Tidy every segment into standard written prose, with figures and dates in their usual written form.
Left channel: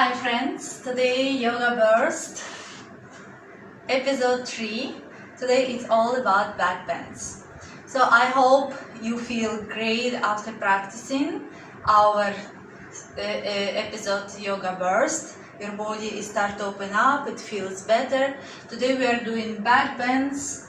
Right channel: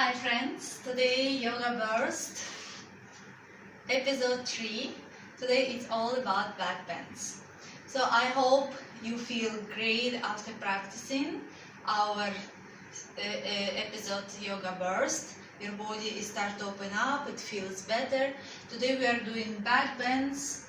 Hi friends, today Yoga Burst, episode 3. Today it's all about backbends. So I hope you feel great after practicing our episode Yoga Burst. Your body is start to open up, it feels better. Today we are doing backbends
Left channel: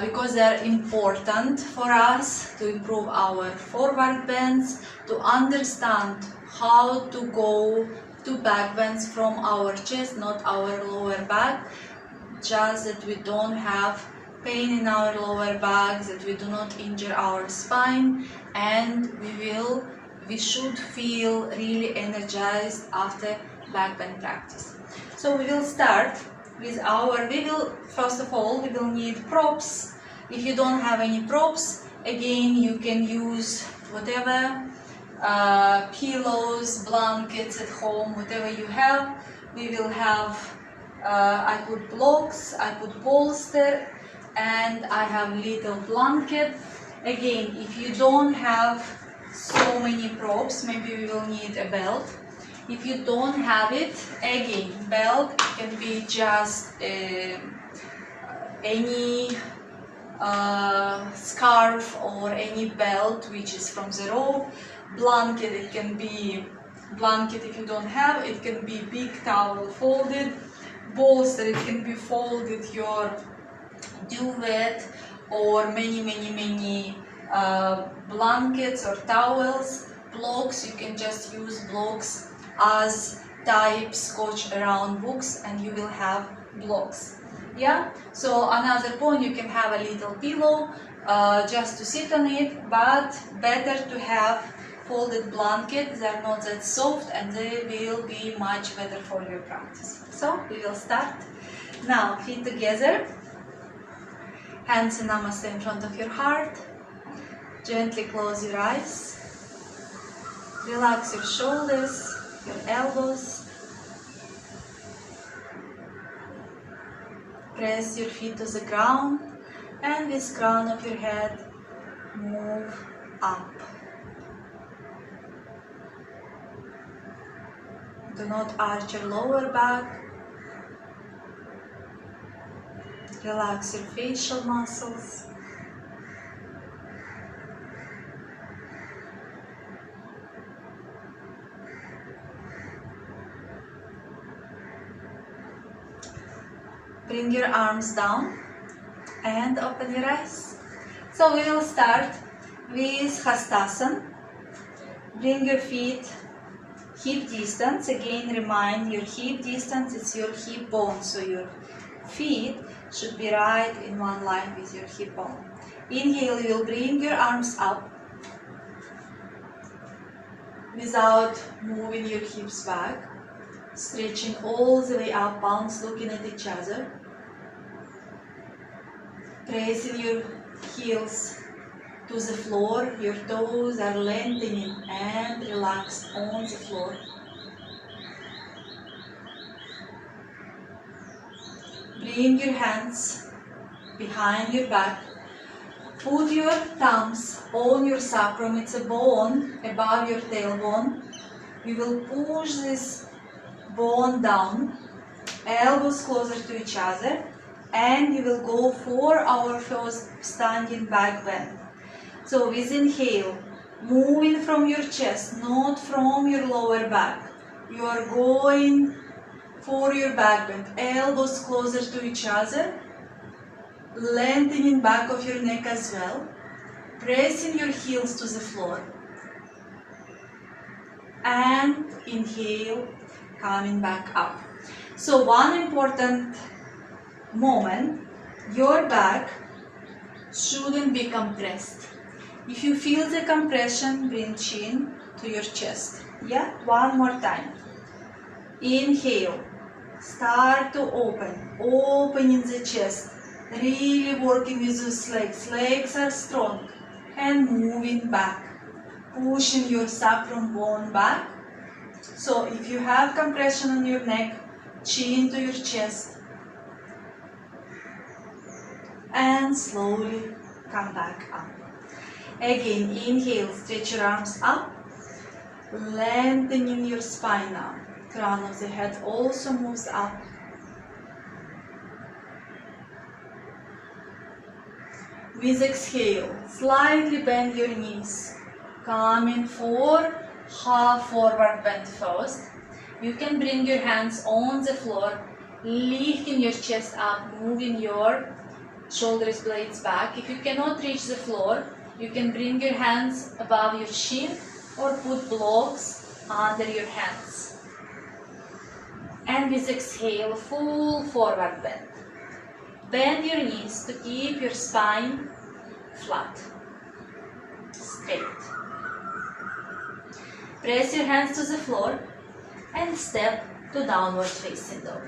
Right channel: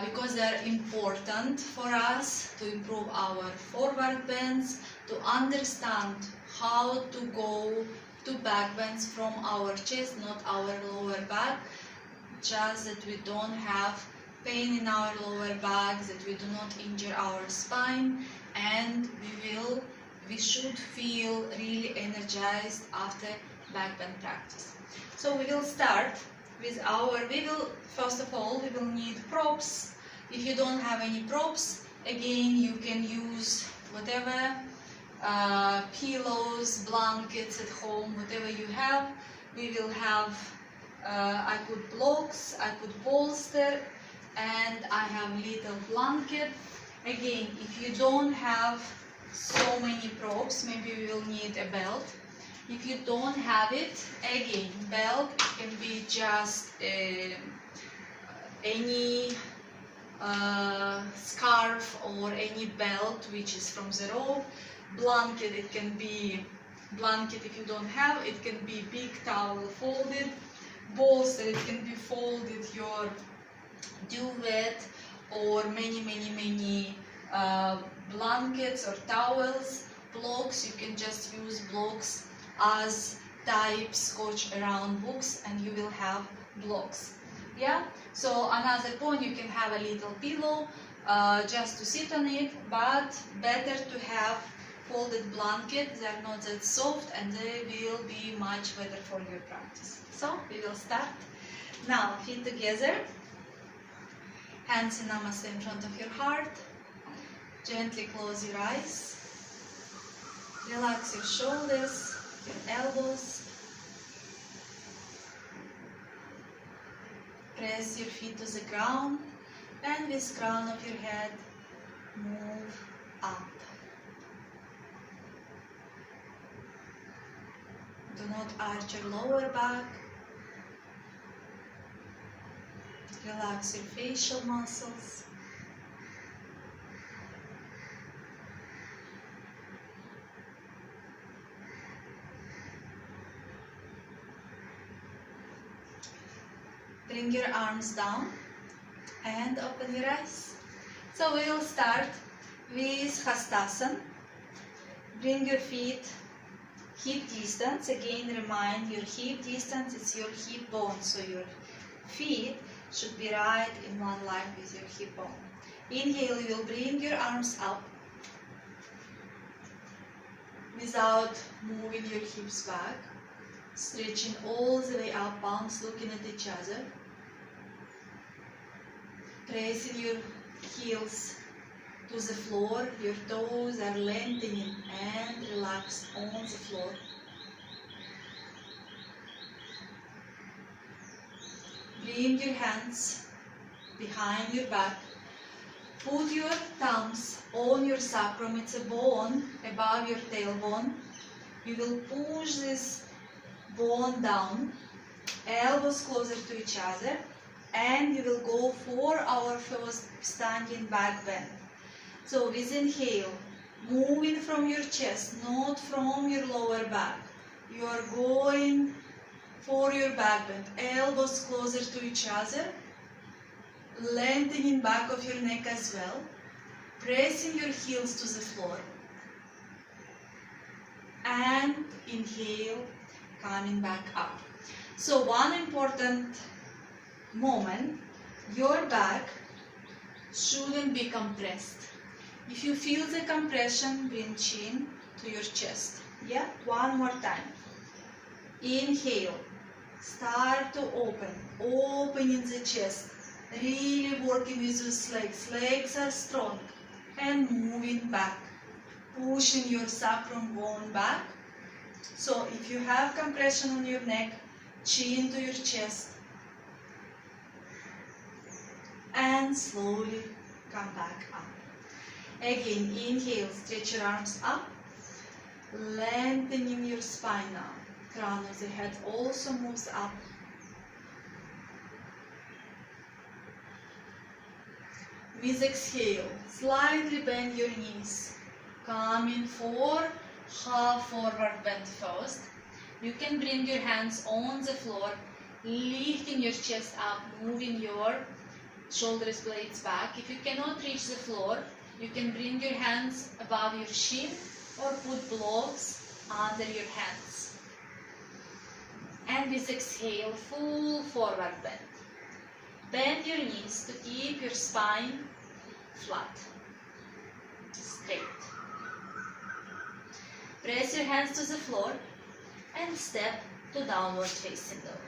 because they are important for us to improve our forward bends, to understand how to go to backbends from our chest, not our lower back, just that we don't have pain in our lower back, that we do not injure our spine, and we should feel really energized after backbend practice. So we will start with first of all, we will need props. If you don't have any props, again, you can use whatever pillows, blankets at home, whatever you have. We will have, I put blocks, I put bolster, and I have little blanket. Again, if you don't have so many props, maybe you will need a belt. If you don't have it, again, belt can be just any scarf or any belt which is from the rope. Blanket, it can be blanket if you don't have, it can be big towel folded. Bolster, it can be folded your duvet or many blankets or towels. Blocks, you can just use blocks as type scotch around books and you will have blocks. Yeah, so another point, you can have a little pillow just to sit on it, but better to have folded blanket. They are not that soft and they will be much better for your practice. So we will start. Now feet together, hands in namaste in front of your heart. Gently close your eyes. Relax your shoulders, your elbows. Press your feet to the ground and with crown of your head move up. Do not arch your lower back. Relax your facial muscles. Bring your arms down and open your eyes. So we will start with Hastasana. Bring your feet hip distance. Again, remind your hip distance, it's your hip bone. So your feet should be right in one line with your hip bone. Inhale, you will bring your arms up without moving your hips back. Stretching all the way up, palms looking at each other. Pressing your heels to the floor, your toes are lengthening and relaxed on the floor. Bring your hands behind your back. Put your thumbs on your sacrum, it's a bone above your tailbone. You will push this bone down, elbows closer to each other, and you will go for our first standing back bend. So with inhale, moving from your chest, not from your lower back. You are going for your back bend, elbows closer to each other, lengthening back of your neck as well, pressing your heels to the floor. And inhale, coming back up. So one important moment, your back shouldn't be compressed. If you feel the compression, bring chin to your chest. Yeah, one more time. Inhale, start to opening the chest, really working with those legs. Legs are strong and moving back, pushing your sacrum bone back. So if you have compression on your neck, chin to your chest, and slowly come back up. Again, inhale, stretch your arms up, lengthening your spine now. Crown of the head also moves up. With exhale, slightly bend your knees. Coming for half forward bend first. You can bring your hands on the floor, lifting your chest up, moving your shoulders blades back. If you cannot reach the floor, you can bring your hands above your shin or put blocks under your hands. And with exhale, full forward bend. Bend your knees to keep your spine flat, straight. Press your hands to the floor and step to downward facing dog.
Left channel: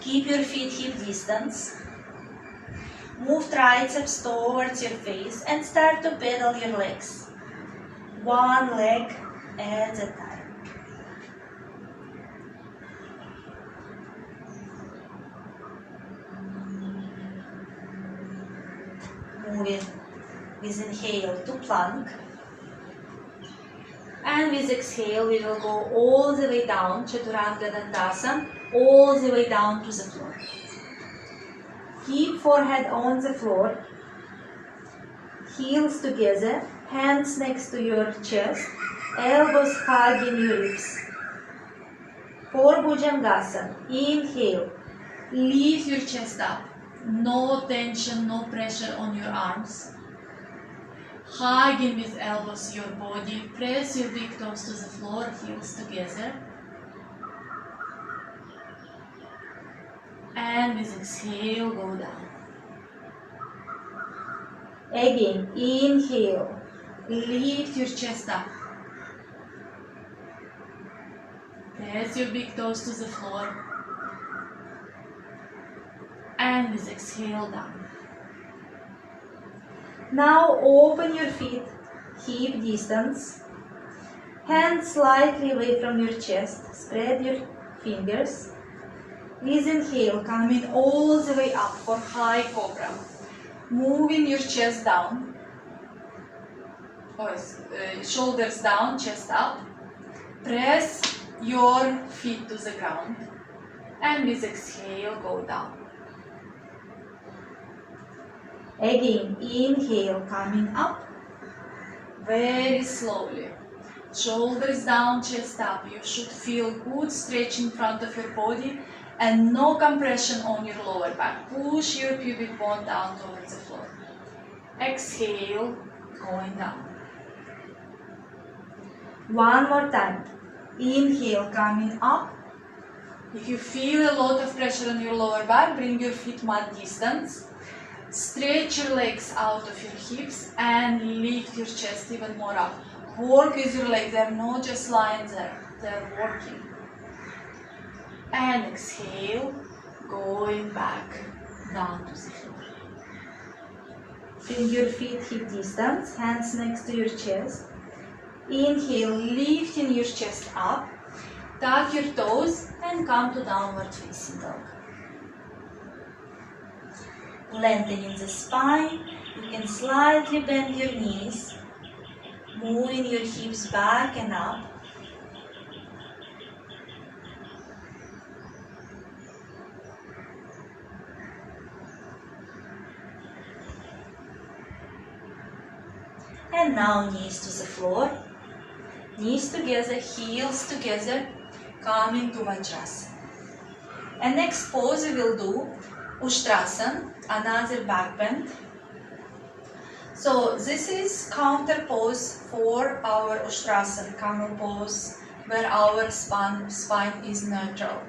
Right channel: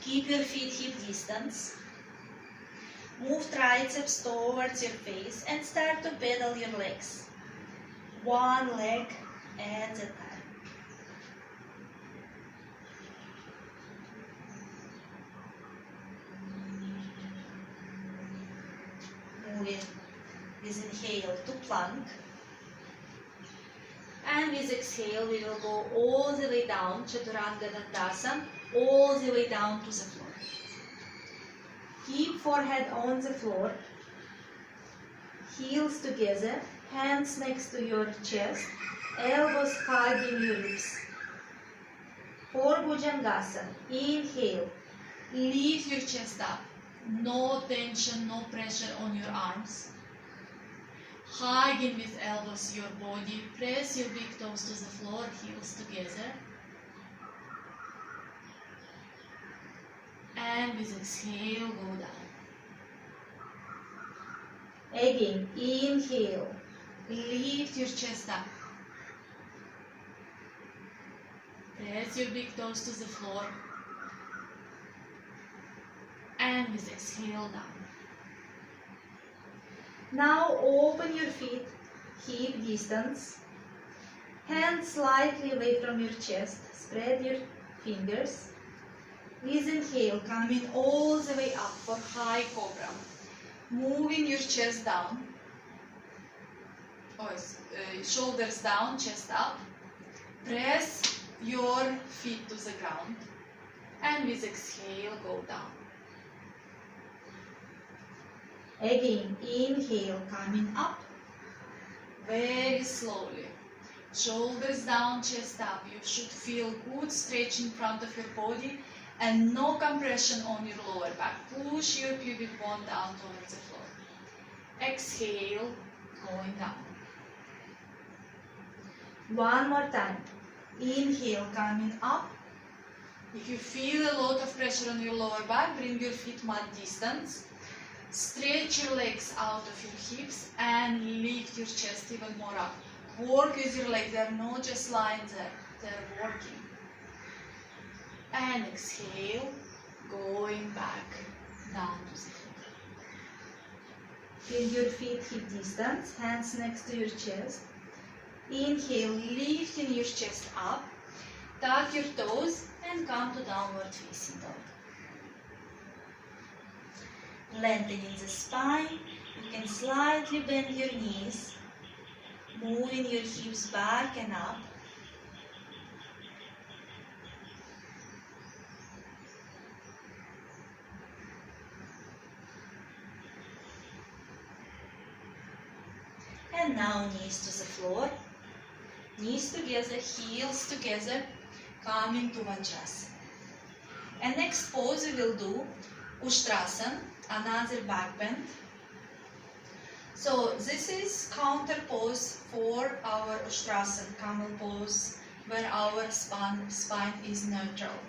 Keep your feet hip distance. Move triceps towards your face and start to pedal your legs. One leg at a time. Moving with inhale to plank. And with exhale, we will go all the way down, Chaturanga Dandasana, all the way down to the floor. Keep forehead on the floor, heels together, hands next to your chest, elbows hugging your ribs. For Bhujangasana, inhale, lift your chest up, no tension, no pressure on your arms. Hugging with elbows your body, press your big toes to the floor, heels together. And with exhale, go down. Again, inhale, lift your chest up. Press your big toes to the floor. And with exhale, down. Now open your feet, hip distance. Hands slightly away from your chest. Spread your fingers. With inhale, coming all the way up for high cobra. Moving your chest down. Shoulders down, chest up. Press your feet to the ground. And with exhale, go down. Again, inhale, coming up. Very slowly. Shoulders down, chest up. You should feel good stretch in front of your body and no compression on your lower back. Push your pubic bone down towards the floor. Exhale, going down. One more time. Inhale, coming up. If you feel a lot of pressure on your lower back, bring your feet mat distance. Stretch your legs out of your hips and lift your chest even more up. Work with your legs, they're not just lying there, they're working. And exhale, going back down to the floor. Bring your feet hip distance, hands next to your chest. Inhale, lifting your chest up. Tuck your toes and come to downward facing dog. Lengthening the spine, you can slightly bend your knees, moving your hips back and up. And now knees to the floor, knees together, heels together, coming to Vajrasana. And next pose we will do Ushtrasana, another back bend. So this is counter pose for our Ushtrasana, camel pose, where our spine is neutral.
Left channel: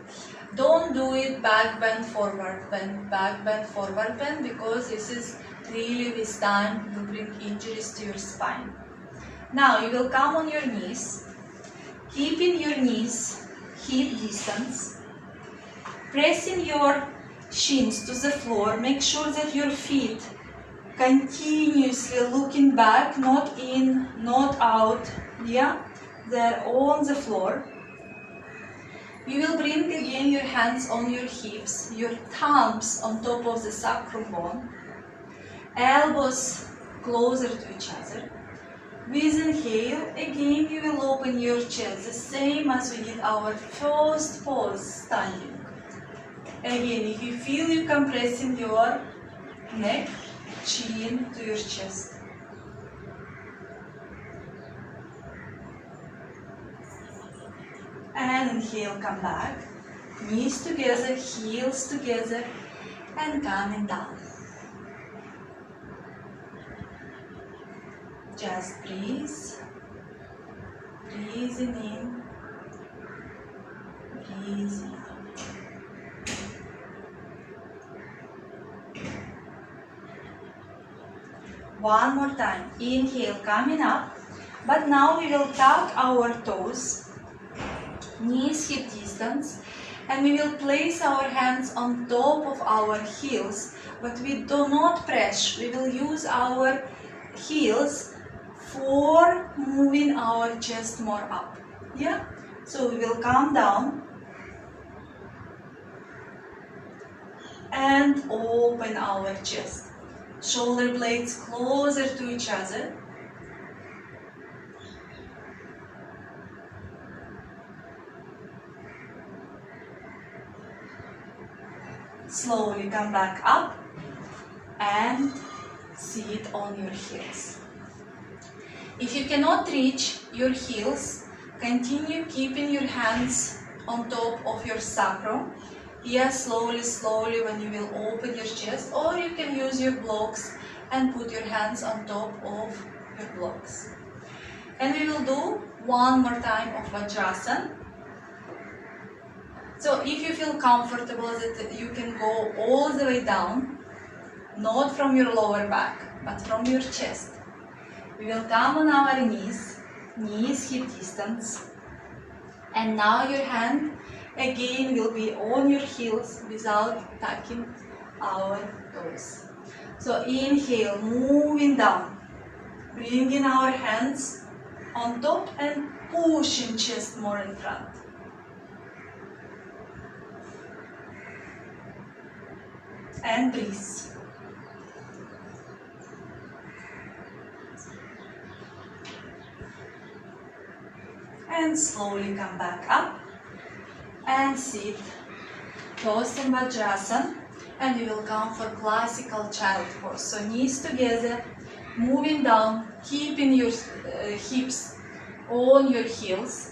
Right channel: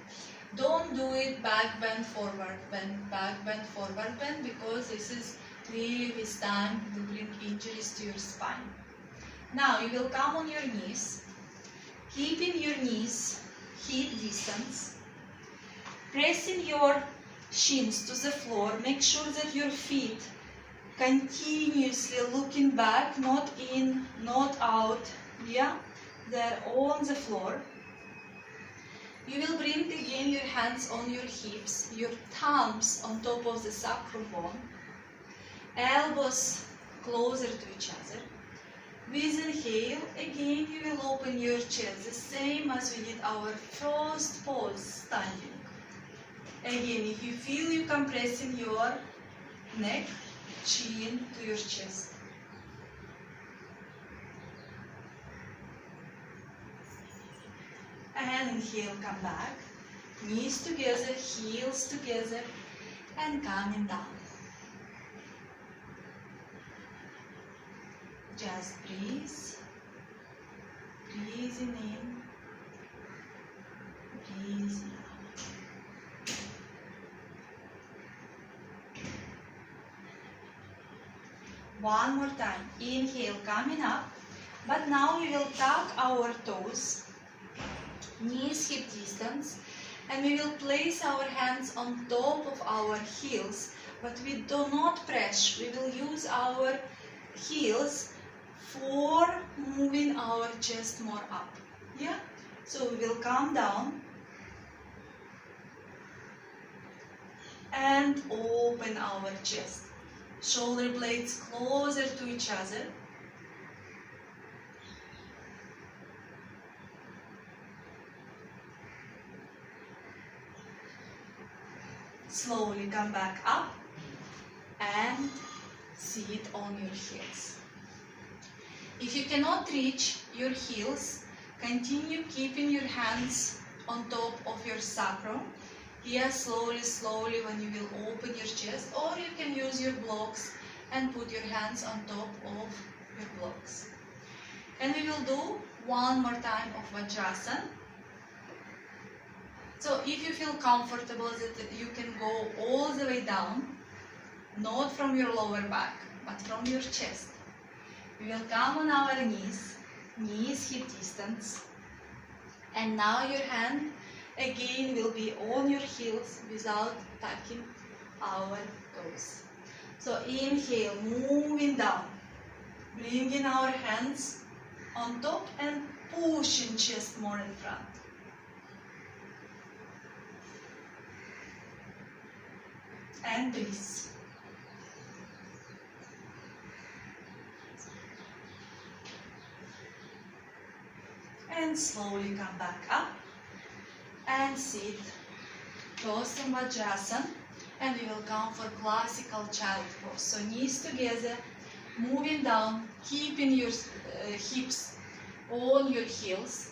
Don't do it back bend, forward bend, because this is really with time will bring injuries to your spine. Now you will come on your knees, keeping your knees hip distance, pressing your shins to the floor. Make sure that your feet continuously looking back, not in, not out. Yeah, they're on the floor. You will bring again your hands on your hips, your thumbs on top of the sacrum bone, elbows closer to each other. With inhale, again you will open your chest, the same as we did our first pose, standing. Again, if you feel you compressing your neck, chin to your chest. And inhale, come back. Knees together, heels together, and coming down. Just breathe. Breathing in, breathing out. One more time. Inhale, coming up. But now we will tuck our toes, knees hip distance, and we will place our hands on top of our heels, but we do not press. We will use our heels for moving our chest more up. Yeah? So we will come down and open our chest. Shoulder blades closer to each other. Slowly come back up and sit on your heels. If you cannot reach your heels, continue keeping your hands on top of your sacrum. Here, slowly, slowly, when you will open your chest, or you can use your blocks and put your hands on top of your blocks. And we will do one more time of Vajrasana. So if you feel comfortable that you can go all the way down, not from your lower back, but from your chest. We will come on our knees hip distance. And now your hand again will be on your heels without touching our toes. So inhale, moving down, bringing our hands on top and pushing chest more in front. And breathe. And slowly come back up and sit. Toes and Vajrasana, and we will come for classical child pose. So knees together, moving down, keeping your hips on your heels.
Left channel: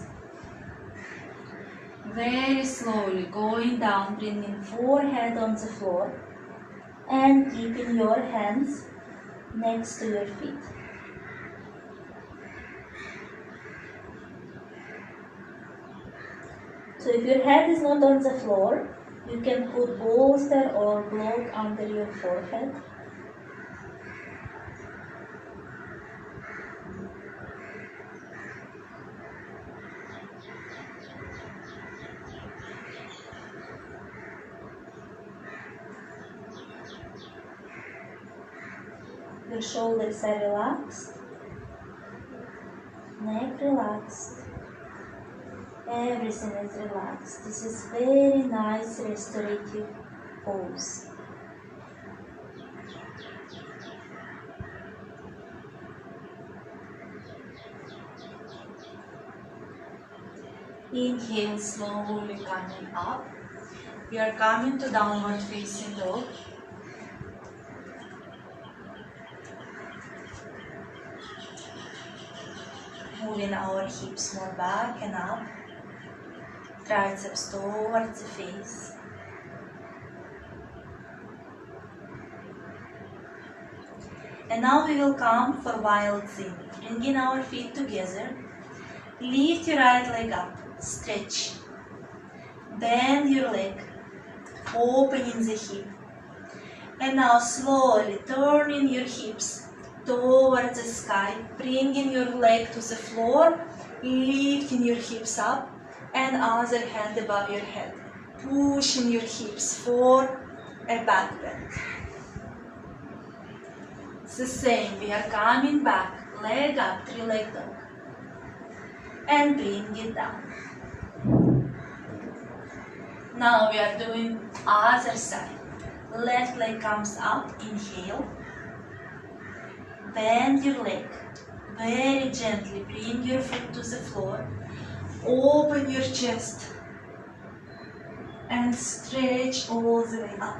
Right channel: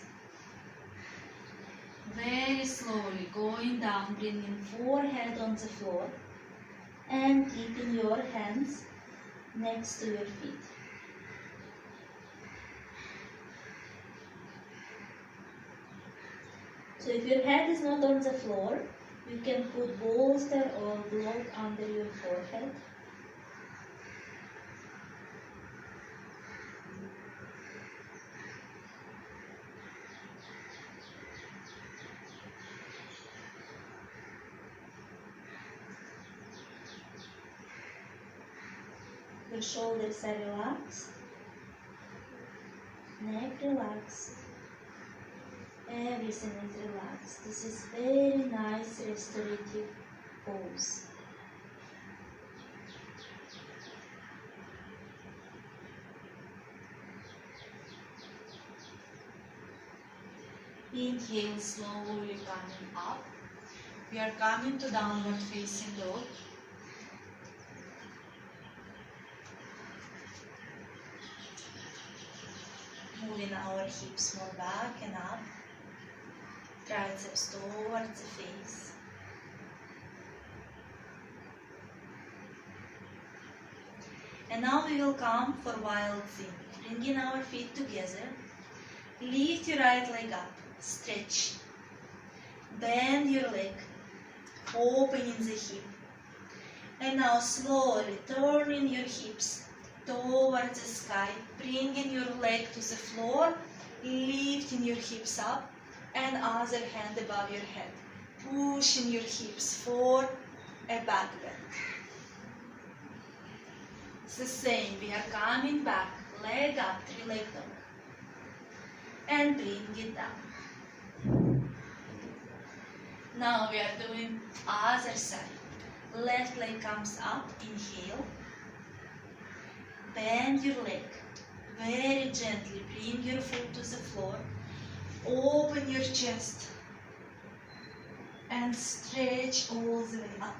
Very slowly going down, bringing forehead on the floor and keeping your hands next to your feet. So if your head is not on the floor, you can put bolster or block under your forehead. Your shoulders are relaxed, neck relaxed, everything is relaxed. This is very nice restorative pose. Inhale, slowly coming up. We are coming to downward facing dog. Moving our hips more back and up, triceps towards the face. And now we will come for wild thing. Bringing our feet together, lift your right leg up, stretch, bend your leg, opening the hip. And now slowly turning your hips towards the sky, bringing your leg to the floor, lifting your hips up, and other hand above your head, pushing your hips for a back bend. It's the same, we are coming back, leg up, three-leg dog, and bring it down. Now we are doing other side. Left leg comes up, inhale. Bend your leg, Very gently bring your foot to the floor. Open your chest and stretch all the way up.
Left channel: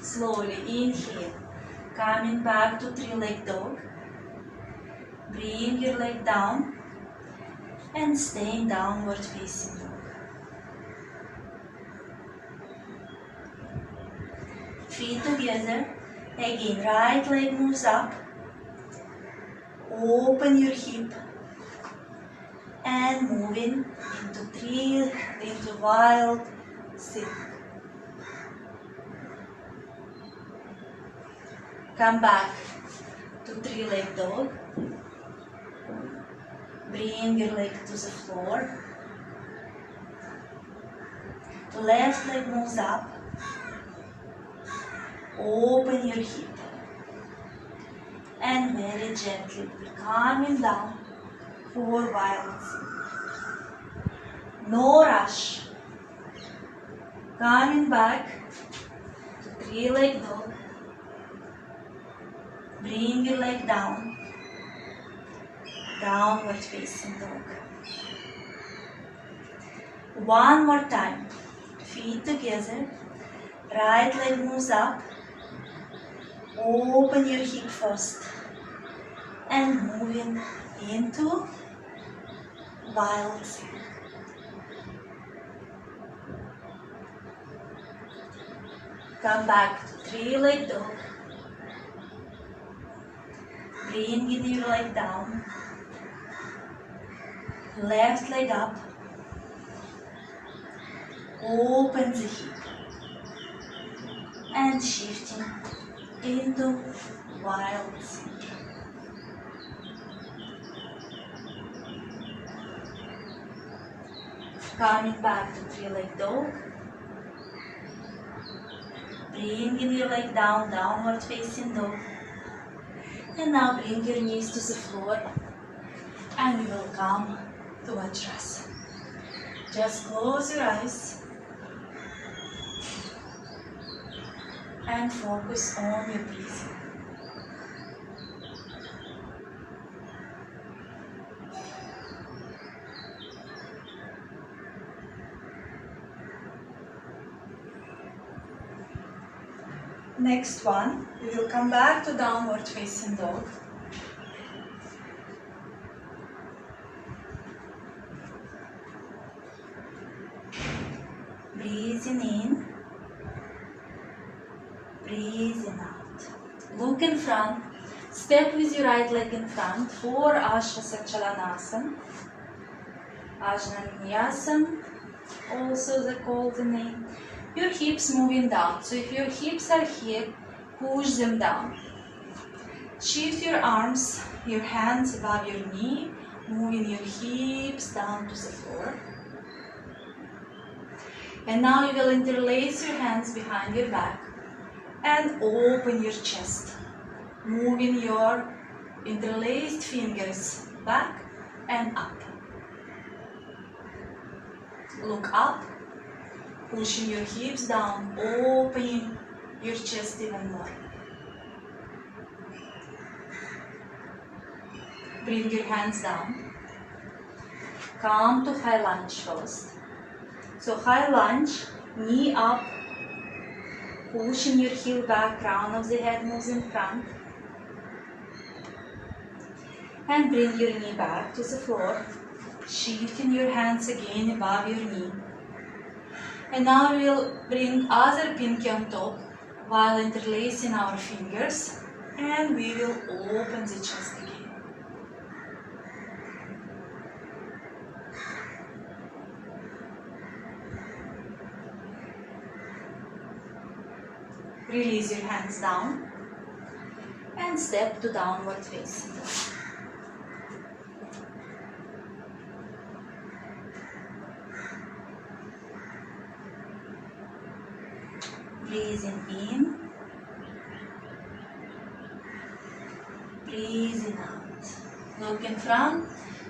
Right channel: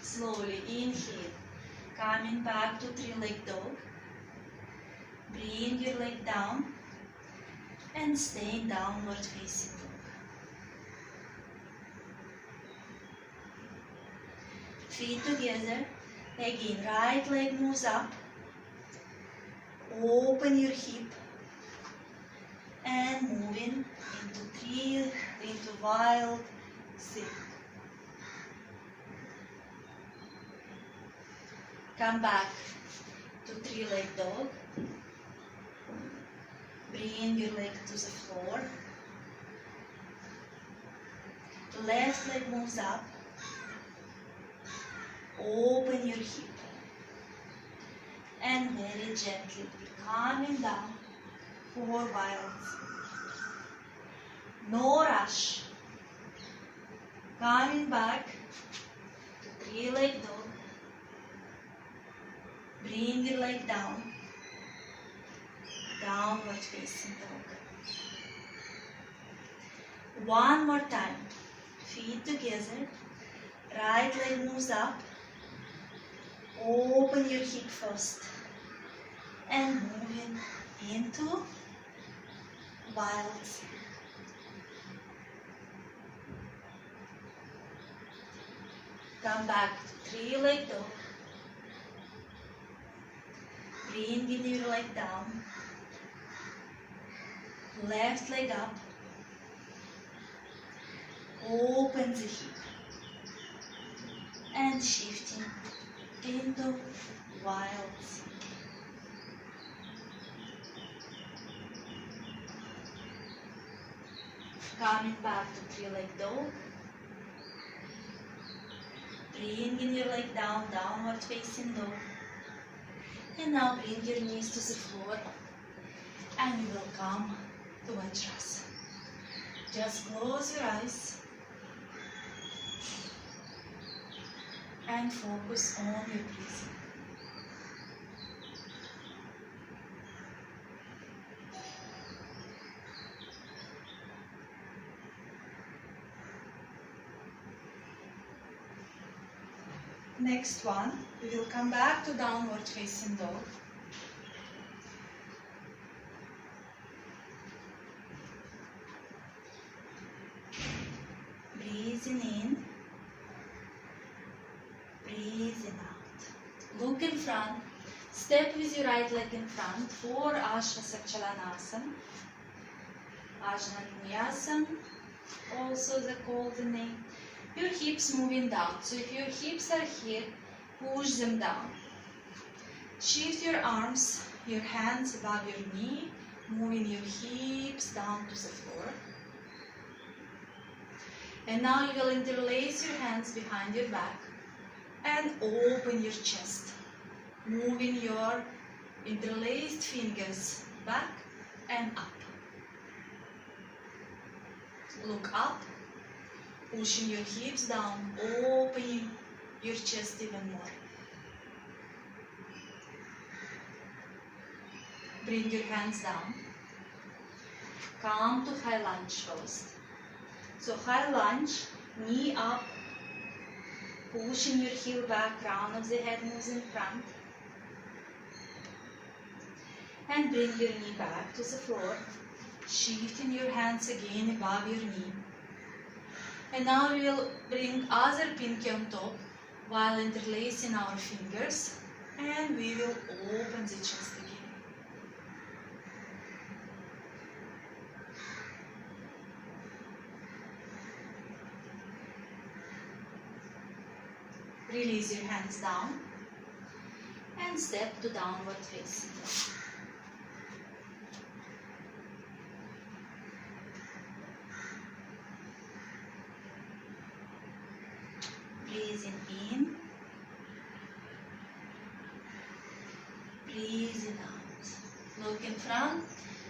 Slowly inhale, coming back to three-leg dog. Bring your leg down and stay in downward facing dog. Feet together. Again, right leg moves up. Open your hip and moving into wild thing. Come back to three-leg dog. Bring your leg to the floor. Left leg moves up. Open your hip. And very gently coming down for wild thing. No rush. Coming back to three-leg dog. Bring your leg down. Downward facing dog. One more time. Feet together. Right leg moves up. Open your hip first. And moving into wild thing. Come back to three-leg dog. Bring your leg down. Left leg up. Open the hip. And shifting into wild thing. Coming back to three-leg dog. Bring your leg down, downward facing dog. And now bring your knees to the floor. And we will come to Vajrasana. Just close your eyes. And focus on your breathing. Next one, we will come back to downward facing dog. Breathing in, breathing out. Look in front, step with your right leg in front for Ashvasachalanasana. Ajnaniyasana, also the called name. Your hips moving down. So if your hips are here, push them down. Shift your arms, your hands above your knee, moving your hips down to the floor. And now you will interlace your hands behind your back and open your chest, moving your interlaced fingers back and up. Look up. Pushing your hips down, opening your chest even more. Bring your hands down. Come to high lunge first. So high lunge, knee up, pushing your heel back, crown of the head moves in front. And bring your knee back to the floor, shifting your hands again above your knee. And now we'll bring other pinky on top while interlacing our fingers, and we will open the chest again. Release your hands down and step to downward facing dog. Breathing in, breathing out. Look in front,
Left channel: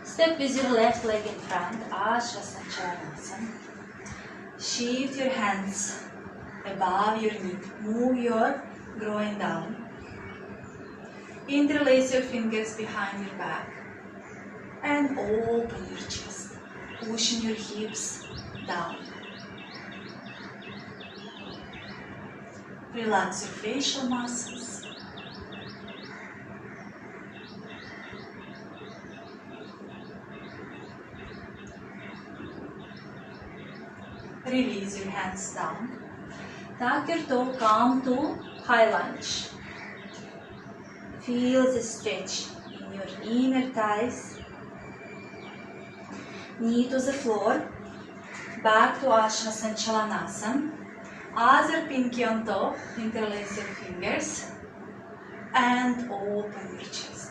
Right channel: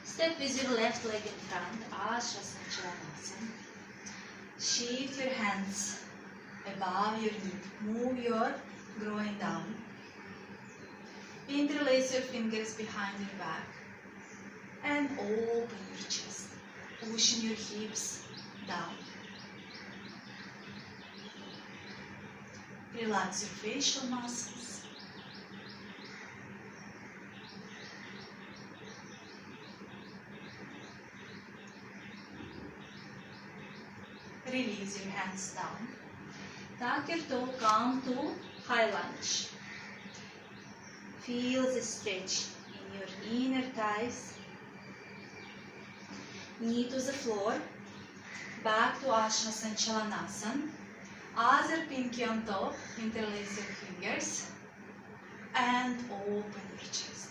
step with your left leg in front, Ashvasachalanasana. Shift your hands above your knee, move your groin down. Interlace your fingers behind your back and open your chest, pushing your hips down. Relax your facial muscles. Release your hands down. Tuck your toe, come to high lunge. Feel the stretch in your inner thighs. Knee to the floor. Back to Ashrasana Chalanasana. Other pinky on top. Interlace your fingers. And open your chest.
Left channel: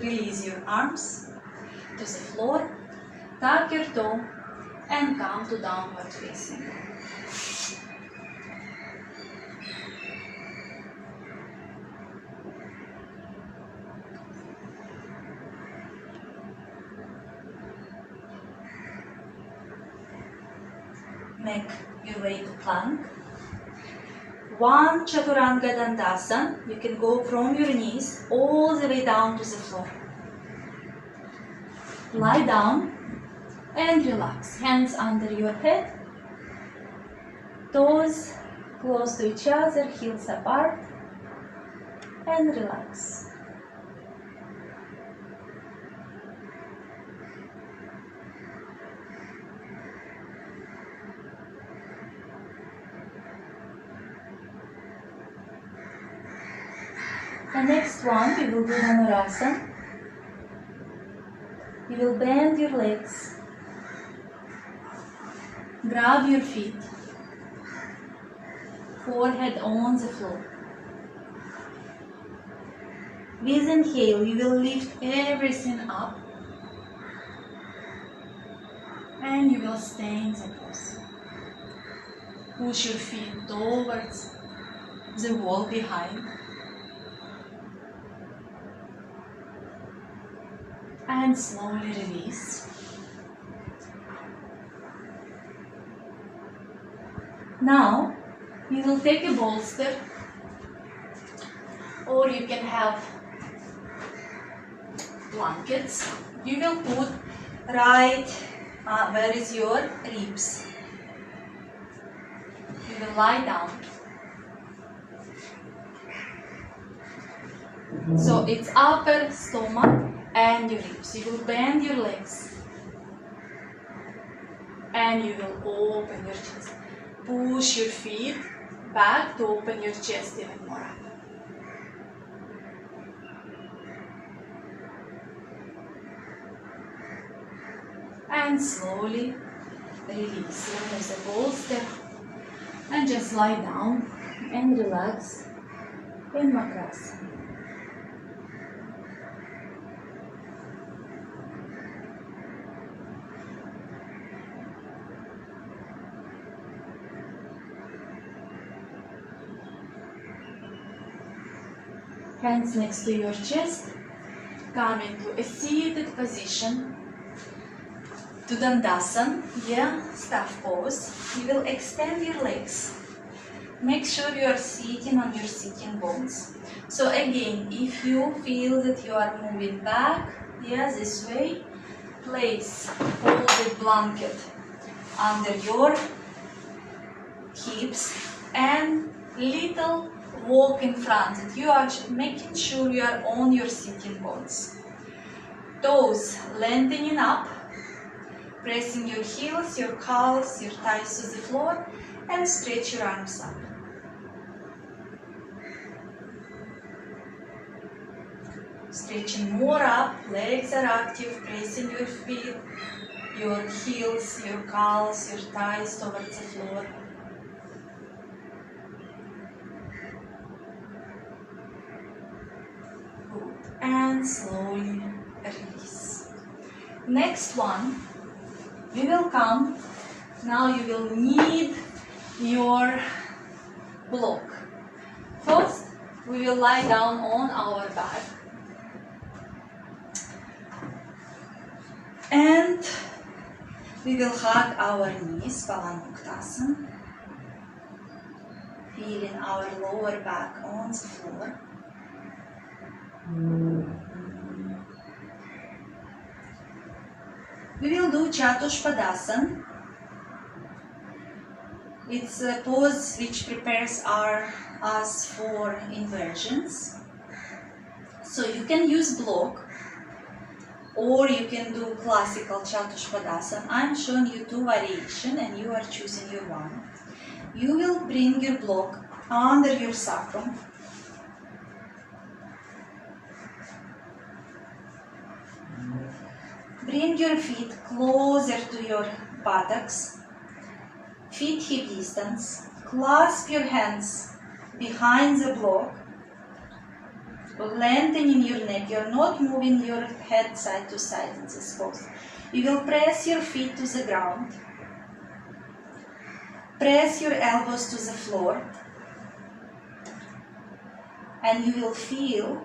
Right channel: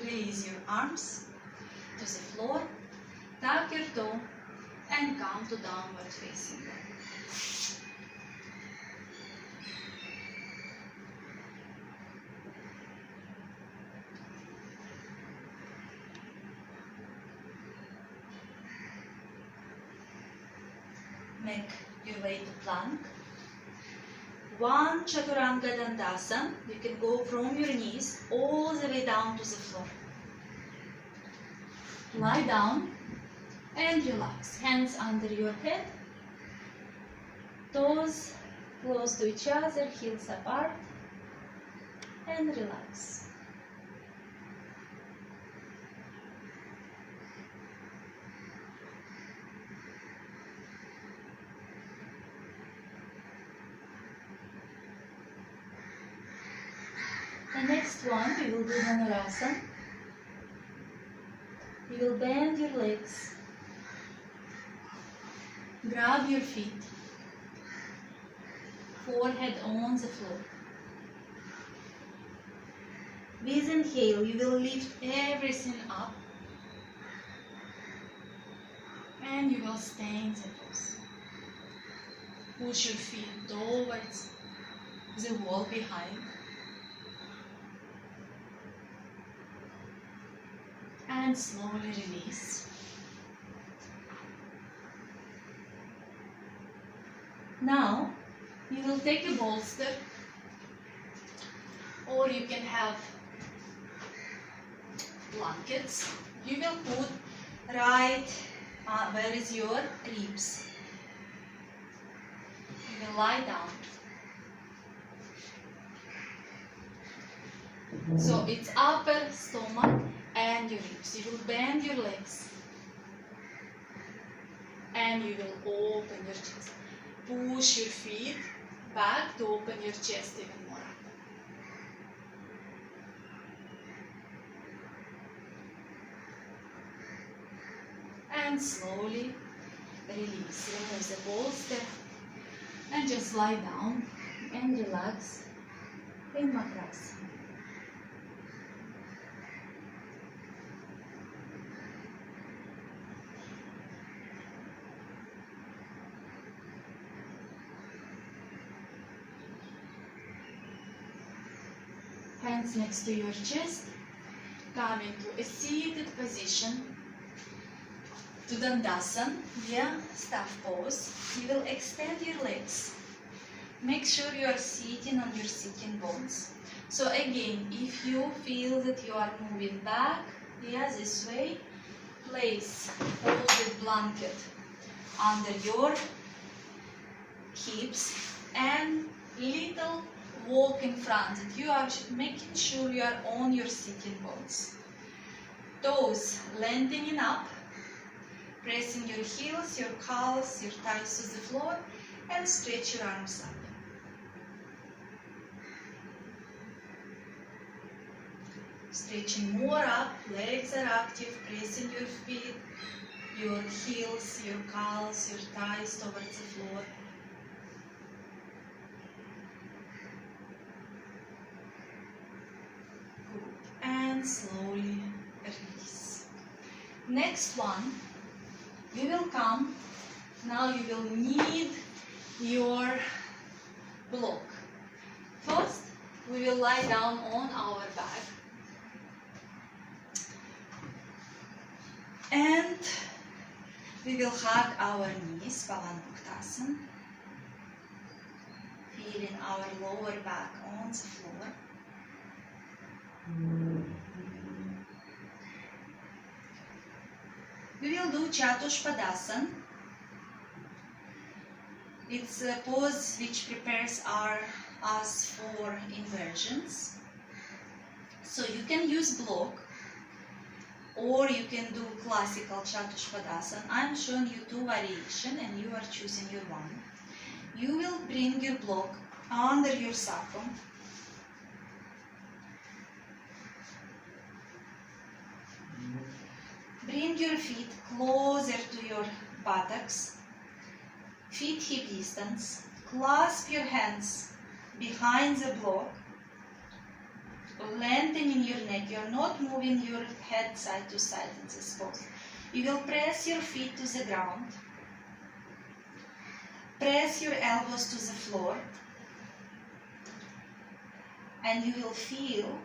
Release your arms to the floor, tuck your toe and come to downward facing. Make your way to plank. One Chaturanga Dandasana. You can go from your knees all the way down to the floor. Lie down and relax. Hands under your head. Toes close to each other, heels apart. And relax. The next one, we will do Dhanurasana. You will bend your legs, grab your feet, forehead on the floor. With inhale, you will lift everything up and you will stay in the pose. Push your feet towards the wall behind. And slowly release. Now, you will take a bolster, or you can have blankets. You will put right where is your ribs. You will lie down. So it's upper stomach and your ribs. You will bend your legs and you will open your chest. Push your feet back to open your chest even more up. And slowly release. Remove the bolster and just lie down and relax in Makrasana. Hands next to your chest, come into a seated position to Dandasana, staff pose. You will extend your legs. Make sure you are sitting on your sitting bones. So again, if you feel that you are moving back, this way, place folded blanket under your hips and little walk in front, that you are making sure you are on your sitting bones. Toes lengthening up, pressing your heels, your calves, your thighs to the floor, and stretch your arms up. Stretching more up, legs are active, pressing your feet, your heels, your calves, your thighs towards the floor. And slowly release. Next one, we will come. Now you will need your block. First, we will lie down on our back. And we will hug our knees, Pavanmuktasana, feeling our lower back on the floor. We will do Chatushpadasana. It's a pose which prepares us for inversions. So you can use block, or you can do classical Chatushpadasana. I'm showing you two variations and you are choosing your one. You will bring your block under your sacrum. Bring your feet closer to your buttocks. Feet hip distance. Clasp your hands behind the block. Lengthening your neck. You're not moving your head side to side in this pose. You will press your feet to the ground. Press your elbows to the floor. And you will feel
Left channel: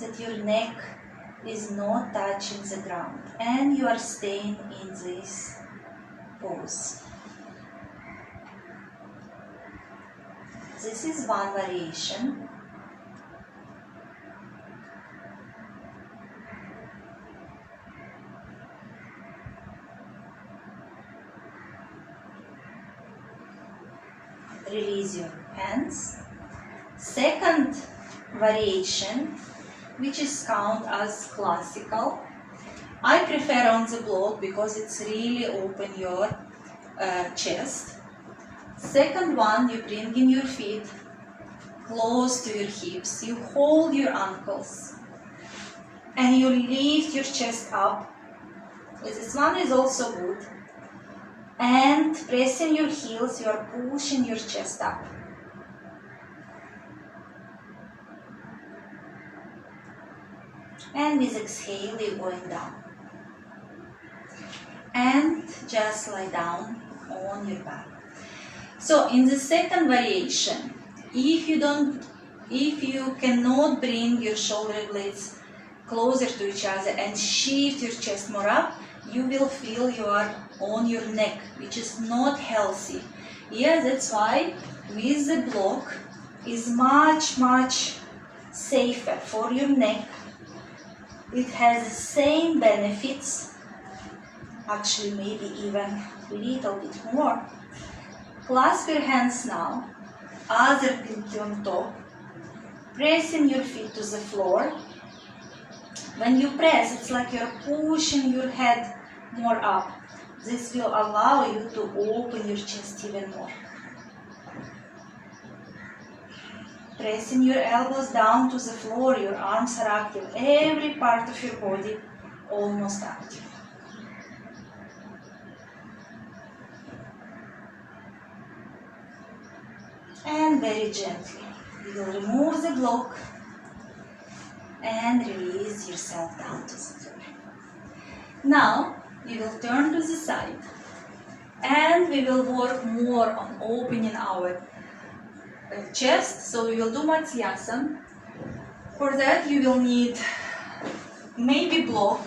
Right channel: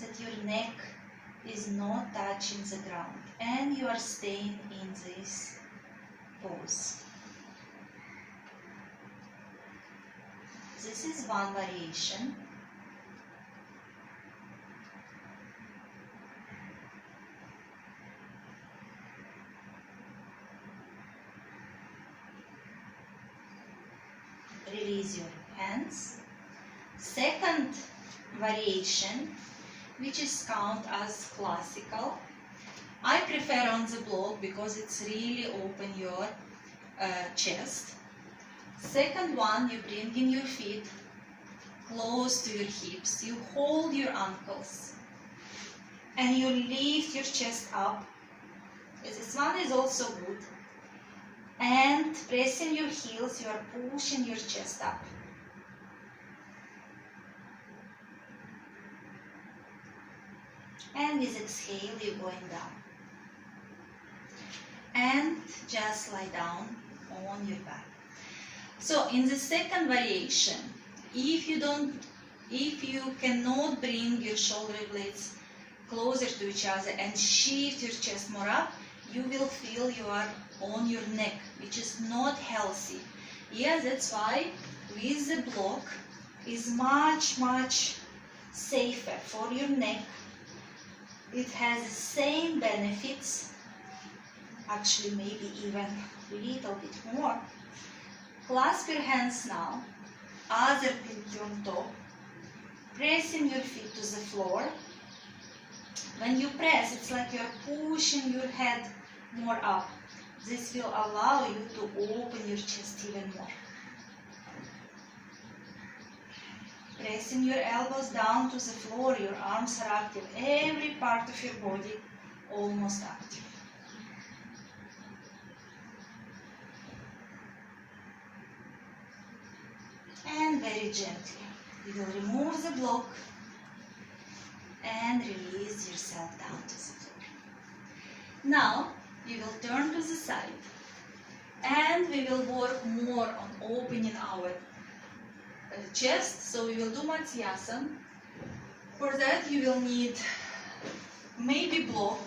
that your neck is not touching the ground. And you are staying in this pose. This is one variation. Release your hands. Second variation, which is counted as classical. I prefer on the block because it's really open your chest. Second one, you bring in your feet close to your hips. You hold your ankles and you lift your chest up. This one is also good. And pressing your heels, you are pushing your chest up. And with exhale, you're going down. And just lie down on your back. So in the second variation, if you cannot bring your shoulder blades closer to each other and shift your chest more up, you will feel you are on your neck, which is not healthy. Yeah, that's why with the block is much safer for your neck. It has the same benefits, actually maybe even a little bit more. Clasp your hands now, other pinky on top, pressing your feet to the floor. When you press, it's like you're pushing your head more up. This will allow you to open your chest even more. Pressing your elbows down to the floor, your arms are active. Every part of your body almost active. And very gently, you will remove the block and release yourself down to the floor. Now, we will turn to the side and we will work more on opening our chest. So we will do Matsyasana. For that you will need maybe block,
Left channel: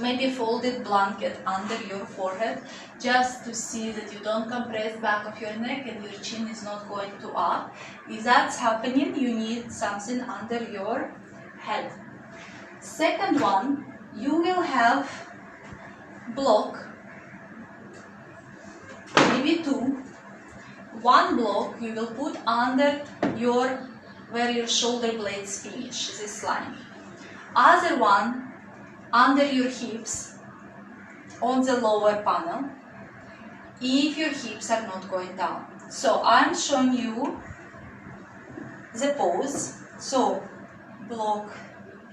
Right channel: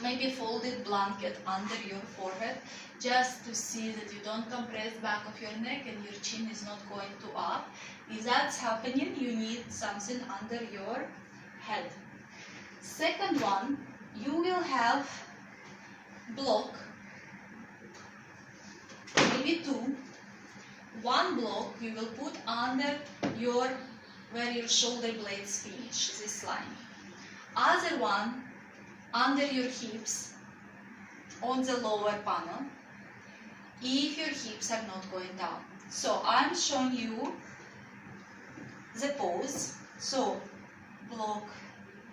maybe folded blanket under your forehead, just to see that you don't compress back of your neck and your chin is not going to up. If that's happening, you need something under your head. Second one, you will have block, maybe two. One block you will put under where your shoulder blades finish, this line. Other one under your hips on the lower panel, if your hips are not going down. So I'm showing you the pose. So block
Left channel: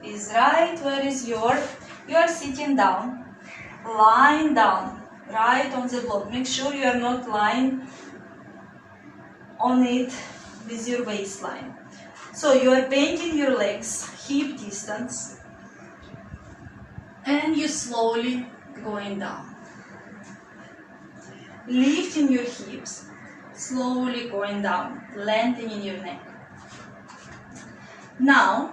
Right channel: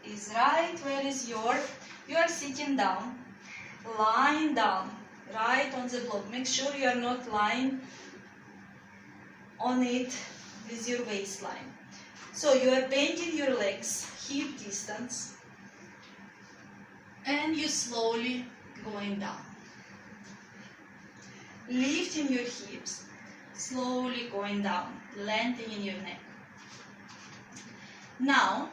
is right where is you are sitting down, lying down, right on the block. Make sure you are not lying on it with your waistline. So you are bending your legs, hip distance, and you slowly going down. Lifting your hips, slowly going down, lengthening your neck. Now,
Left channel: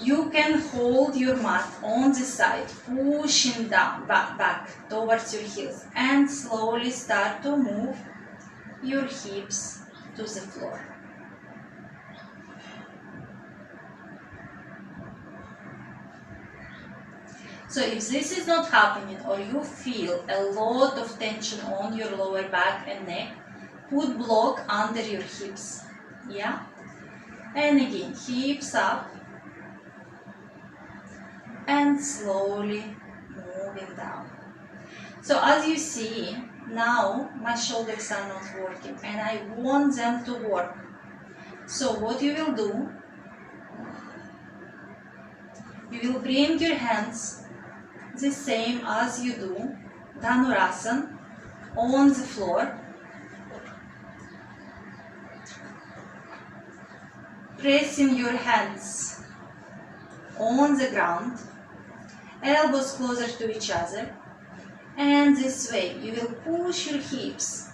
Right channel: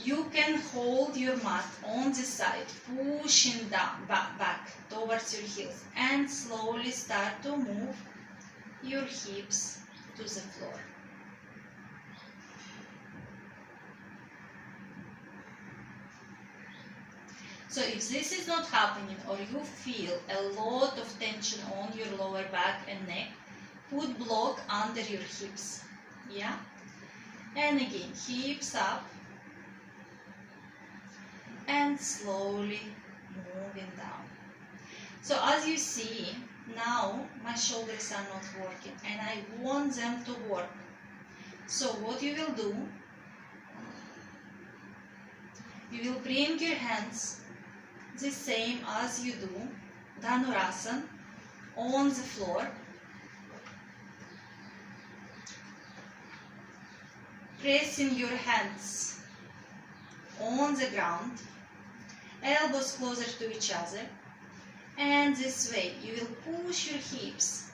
you can hold your mat on the side, pushing down, back towards your heels, and slowly start to move your hips to the floor. So if this is not happening, or you feel a lot of tension on your lower back and neck, put block under your hips. Yeah? And again, hips up and slowly moving down. So as you see, now my shoulders are not working and I want them to work. So what you will do, you will bring your hands the same as you do Dhanurasana on the floor. Pressing your hands on the ground, elbows closer to each other, and this way you will push your hips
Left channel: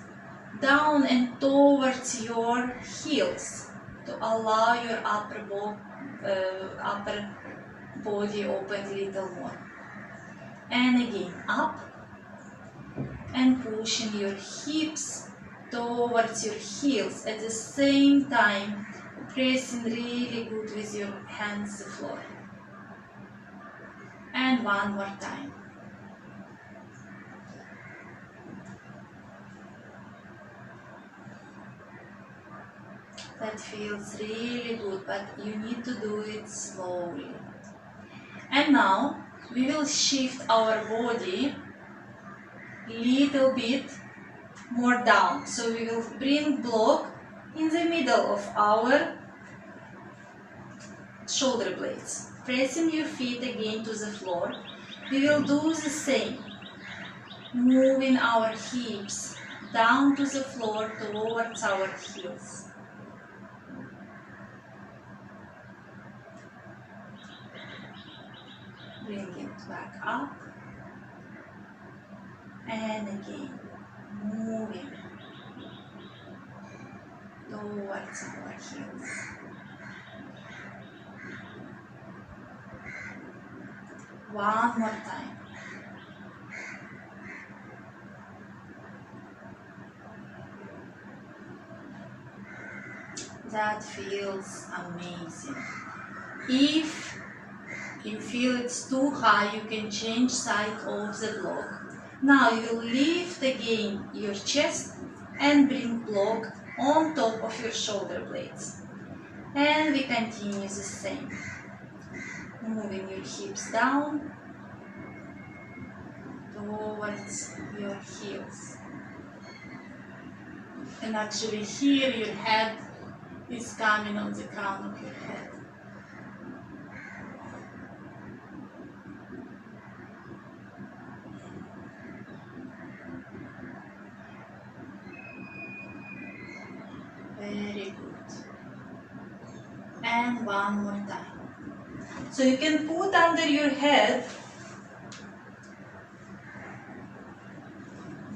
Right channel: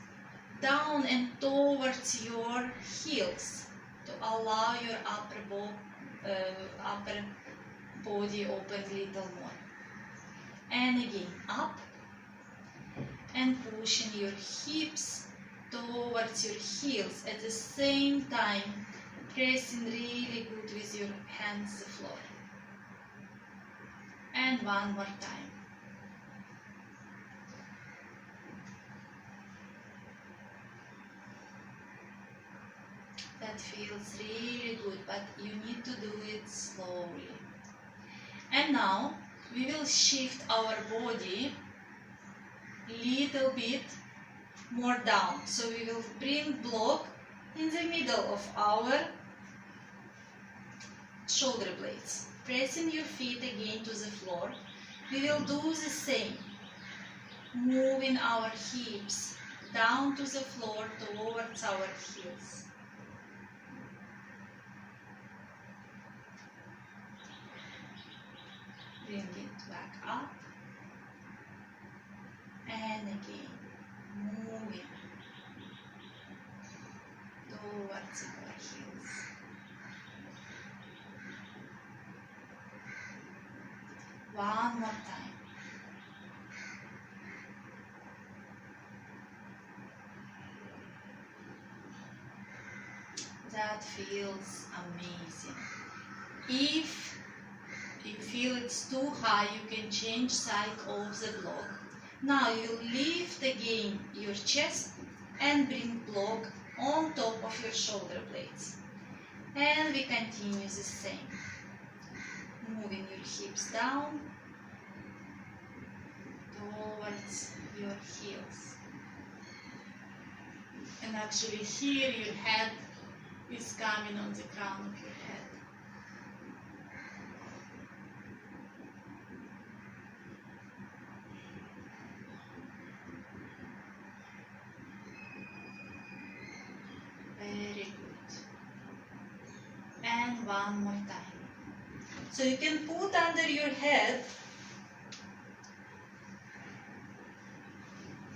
down and towards your heels to allow your upper body open a little more. And again, up and pushing your hips towards your heels at the same time, pressing really good with your hands the floor. And one more time. That feels really good, but you need to do it slowly. And now we will shift our body little bit more down. So we will bring block in the middle of our shoulder blades. Pressing your feet again to the floor. We will do the same. Moving our hips down to the floor towards our heels. Bring it back up. And again, moving towards our heels. One more time. That feels amazing. If you feel it's too high, you can change side of the block. Now you lift again your chest and bring block on top of your shoulder blades. And we continue the same. Moving your hips down towards your heels. And actually here your head is coming on the crown of your head. Very good. And one more time. So you can put under your head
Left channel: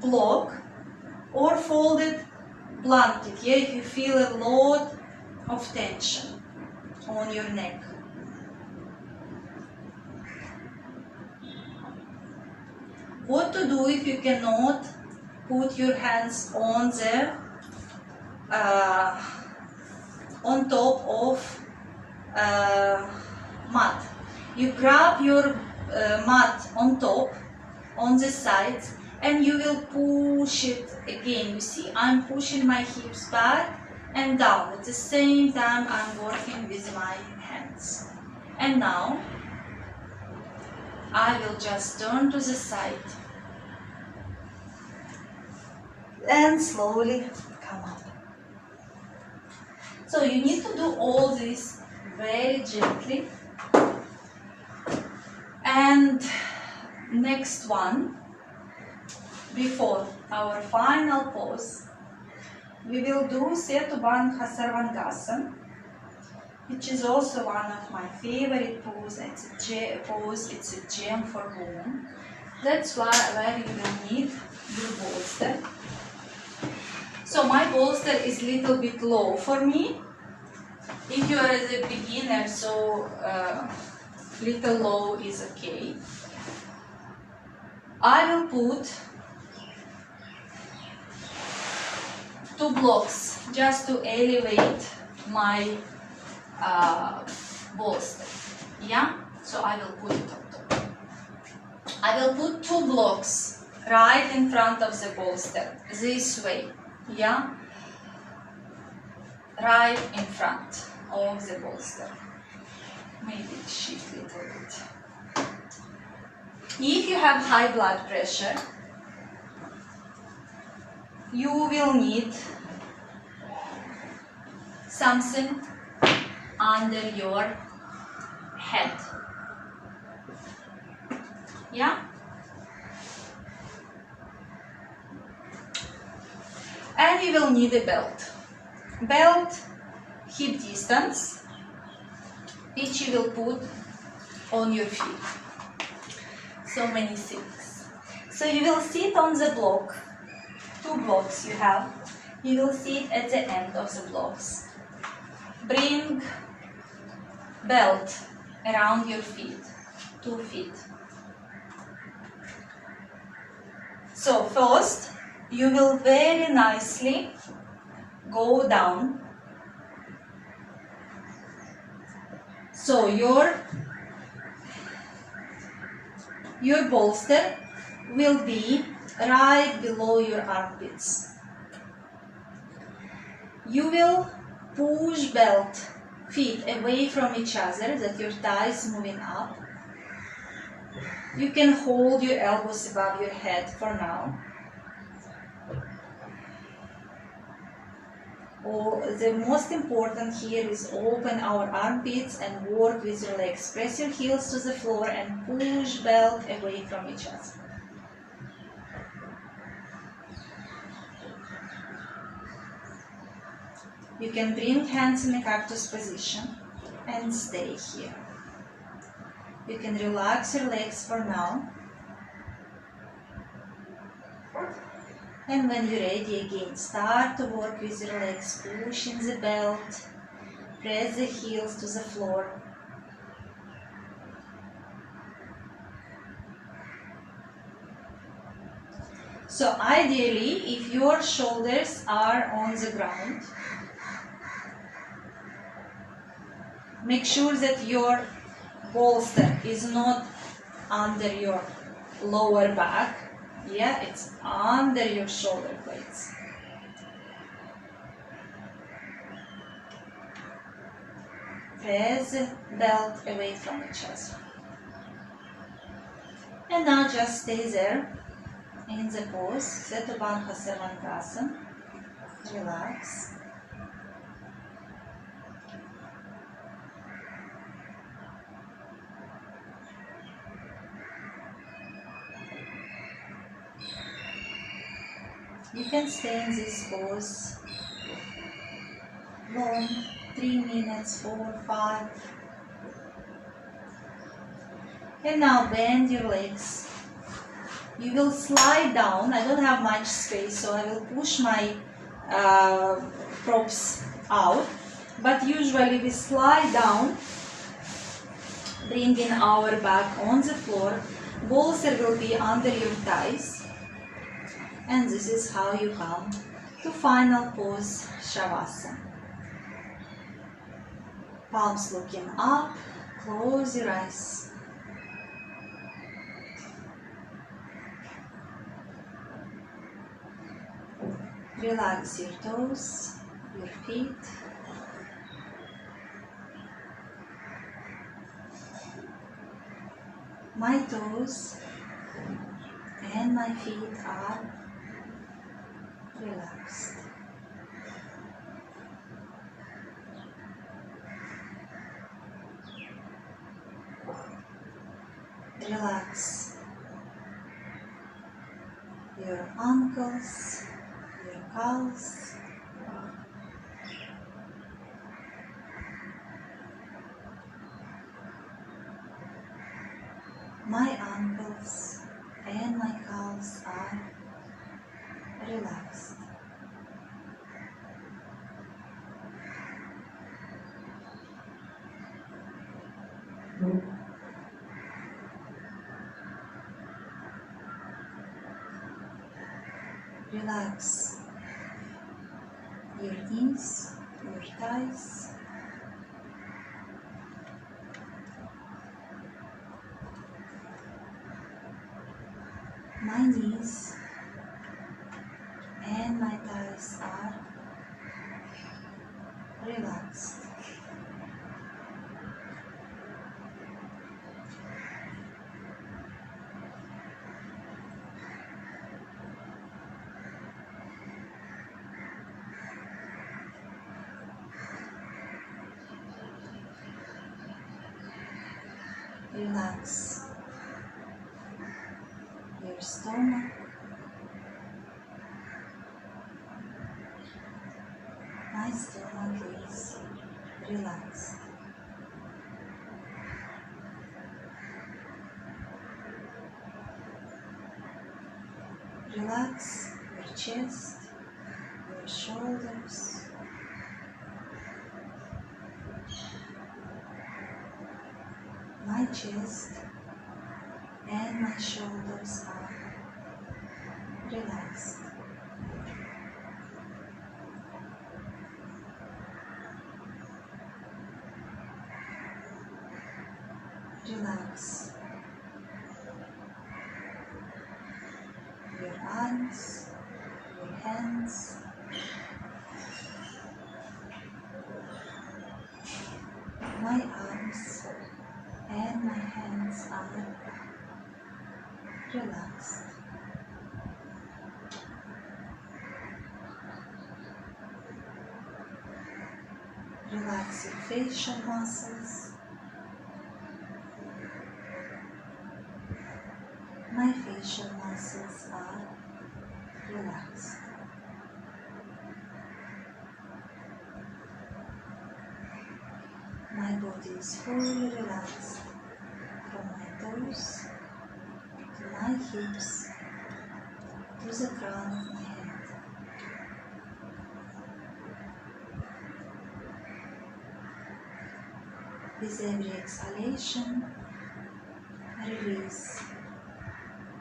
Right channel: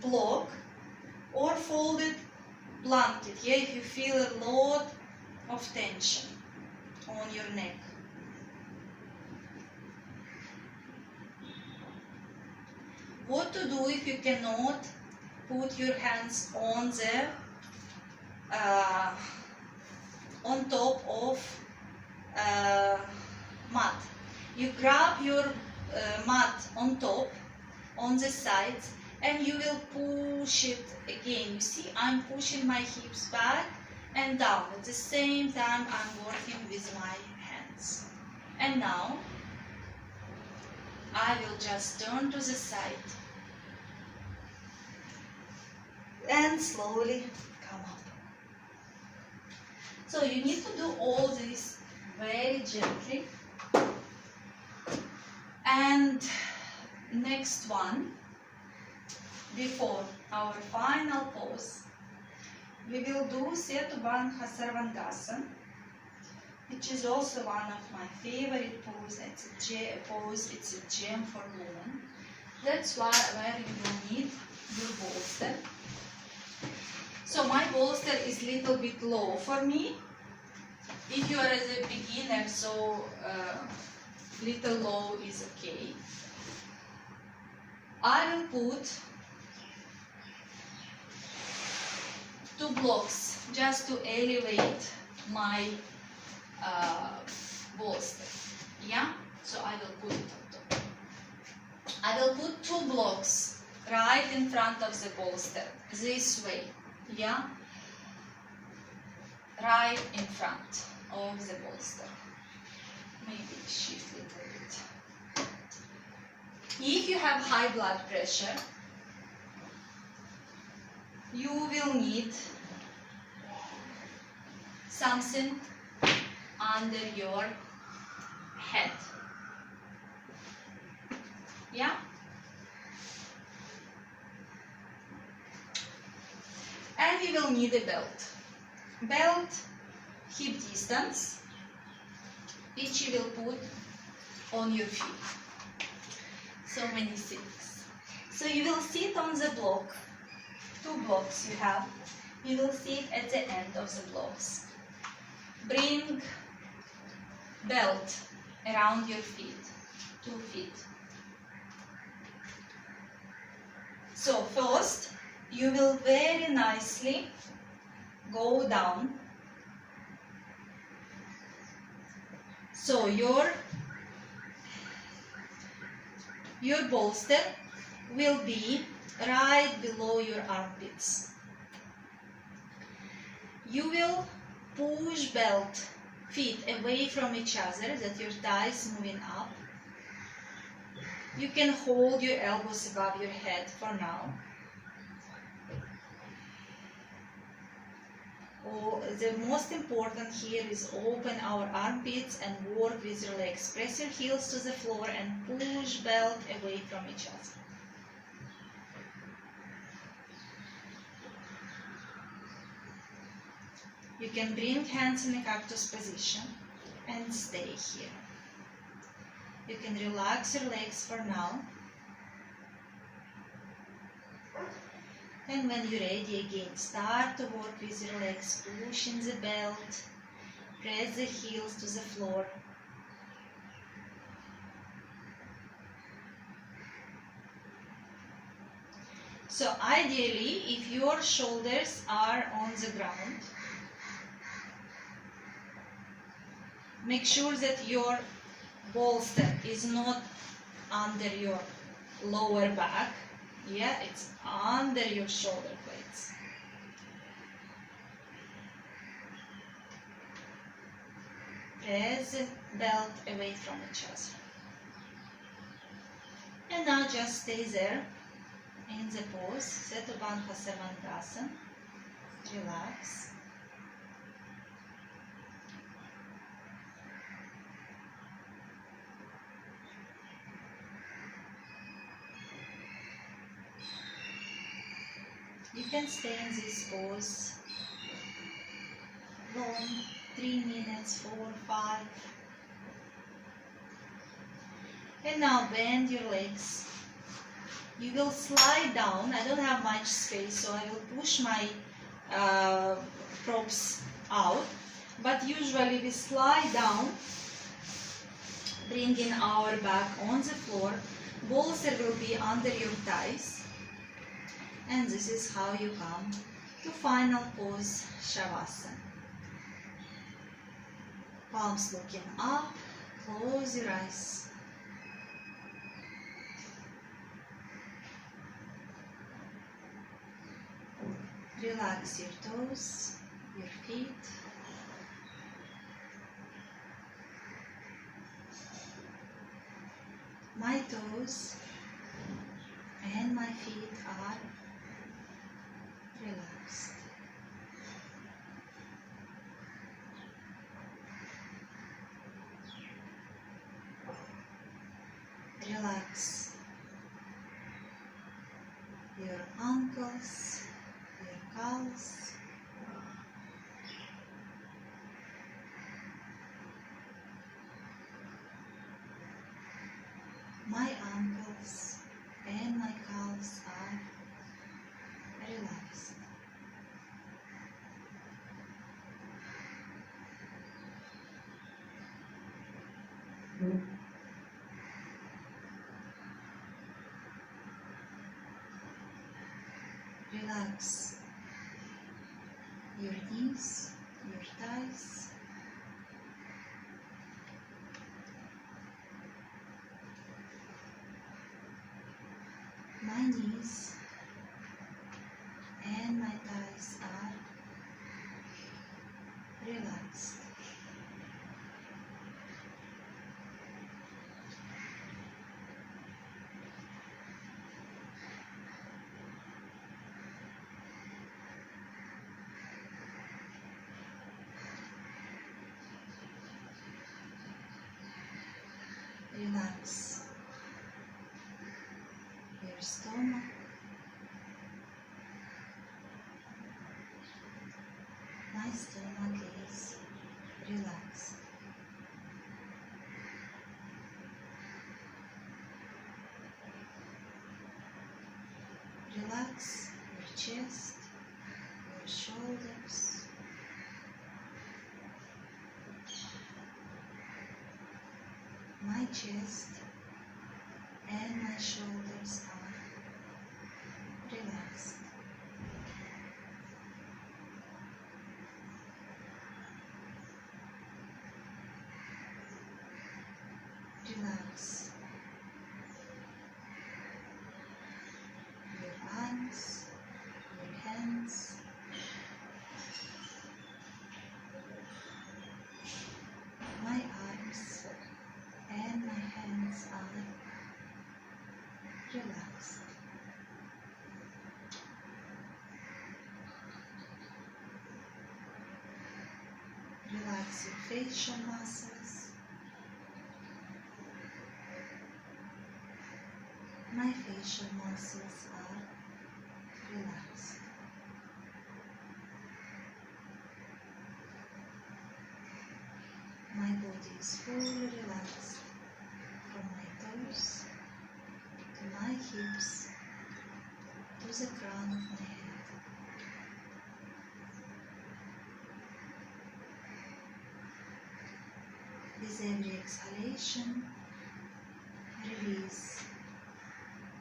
block or folded blanket, yeah, if you feel a lot of tension on your neck. What to do if you cannot put your hands on the on top of mat. You grab your mat on top, on the sides, and you will push it again. You see, I'm pushing my hips back and down. At the same time, I'm working with my hands. And now, I will just turn to the side and slowly come up. So you need to do all this very gently. And next one, before our final pose, we will do Setubandha Sarvangasana, which is also one of my favorite poses. It's a gem for women. That's where you will need your bolster. So my bolster is a little bit low for me. If you are as a beginner, so little low is okay. I will put 2 blocks just to elevate my bolster. Yeah, so I will put it on top. I will put 2 blocks right in front of the bolster, this way. Yeah, right in front of the bolster. Maybe shift a little bit. If you have high blood pressure, you will need something under your head. Yeah? And you will need a belt. Belt, hip distance, which you will put on your feet. So many things. So you will sit on the block, 2 blocks you have. You will sit at the end of the blocks. Bring belt around your feet, 2 feet. So first, you will very nicely go down. So your bolster will be right below your armpits. You will push feet away from each other, that your thigh is moving up. You can hold your elbows above your head for now. The most important here is open our armpits and work with your legs. Press your heels to the floor and push belt away from each other. You can bring hands in a cactus position and stay here. You can relax your legs for now. And when you're ready again, start to work with your legs, pushing the belt, press the heels to the floor. So ideally, if your shoulders are on the ground, make sure that your bolster is not under your lower back. Yeah, it's under your shoulder blades. Press the belt away from each other. And now just stay there in the pose, Setubanha Savantrasana. Relax. You can stay in this pose long, 3 minutes, 4, 5. And now bend your legs. You will slide down. I don't have much space, so I will push my props out. But usually we slide down, bringing our back on the floor. Bolster will be under your thighs. And this is how you come to final pose, Shavasana. Palms looking up, close your eyes. Relax your toes, your feet. My toes and my feet are relaxed. Relax your ankles, your calves, my ankles and my calves are relaxed. Relax your knees, your thighs, my knees and my thighs are relaxed. Relax your stomach, my stomach is relaxed. Relax your chest, your shoulders, my chest and my shoulders are relaxed. Relax your arms, your hands, my arms and my hands are relaxed. Relax your facial muscles. My facial muscles are relaxed. My body is fully relaxed from my toes to my hips to the crown of my head. With every exhalation, release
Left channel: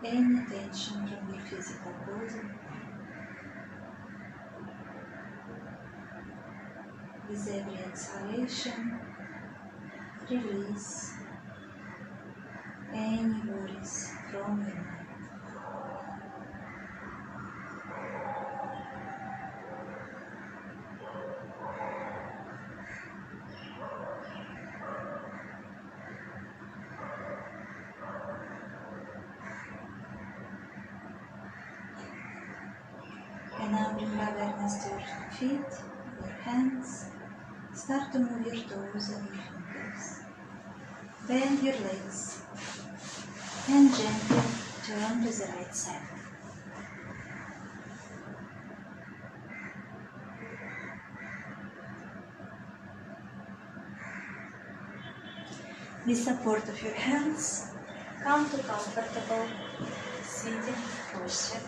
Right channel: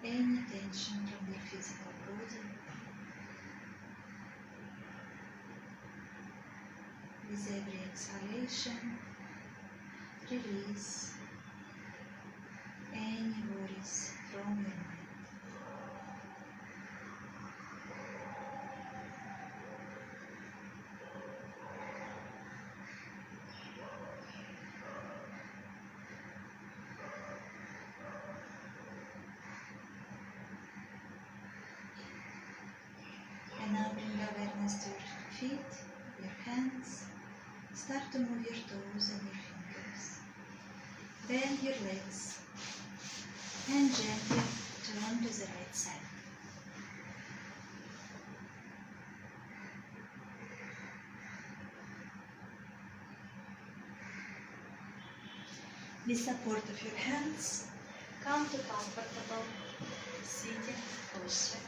any tension from your physical body. With every exhalation, release any worries from your mind. And now bring awareness to your feet, your hands. Start to move your toes and your fingers. Bend your legs and gently turn to the right side. With support of your hands, come to comfortable sitting posture.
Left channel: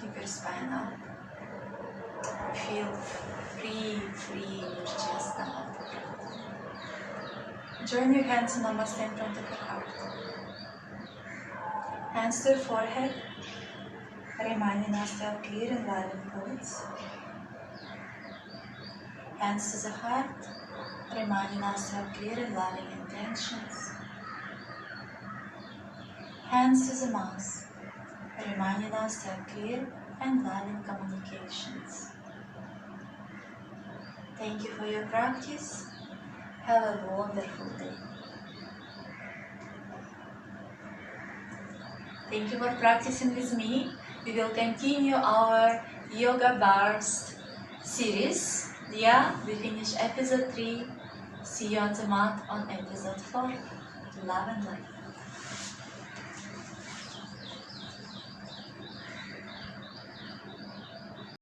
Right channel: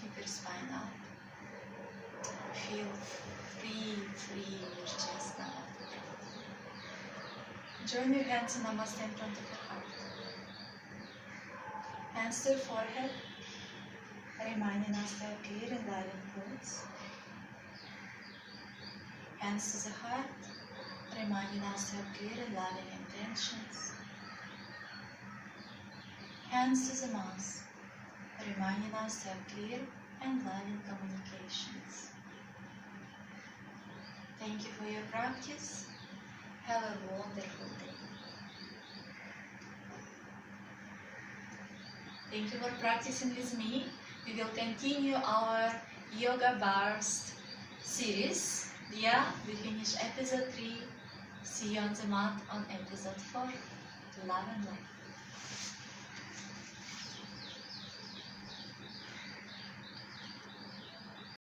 Keep your spine up. Feel free in your chest and out the breath. Join your hands in Namaste in front of your heart. Hands to your forehead, reminding us to have clear and loving thoughts. Hands to the heart, reminding us to have clear and loving intentions. Hands to the mouth, reminding us to have clear and loving communications. Thank you for your practice. Have a wonderful day. Thank you for practicing with me. We will continue our Yoga Burst series. Yeah, we finish episode 3. See you on the mat on episode 4. Love and light.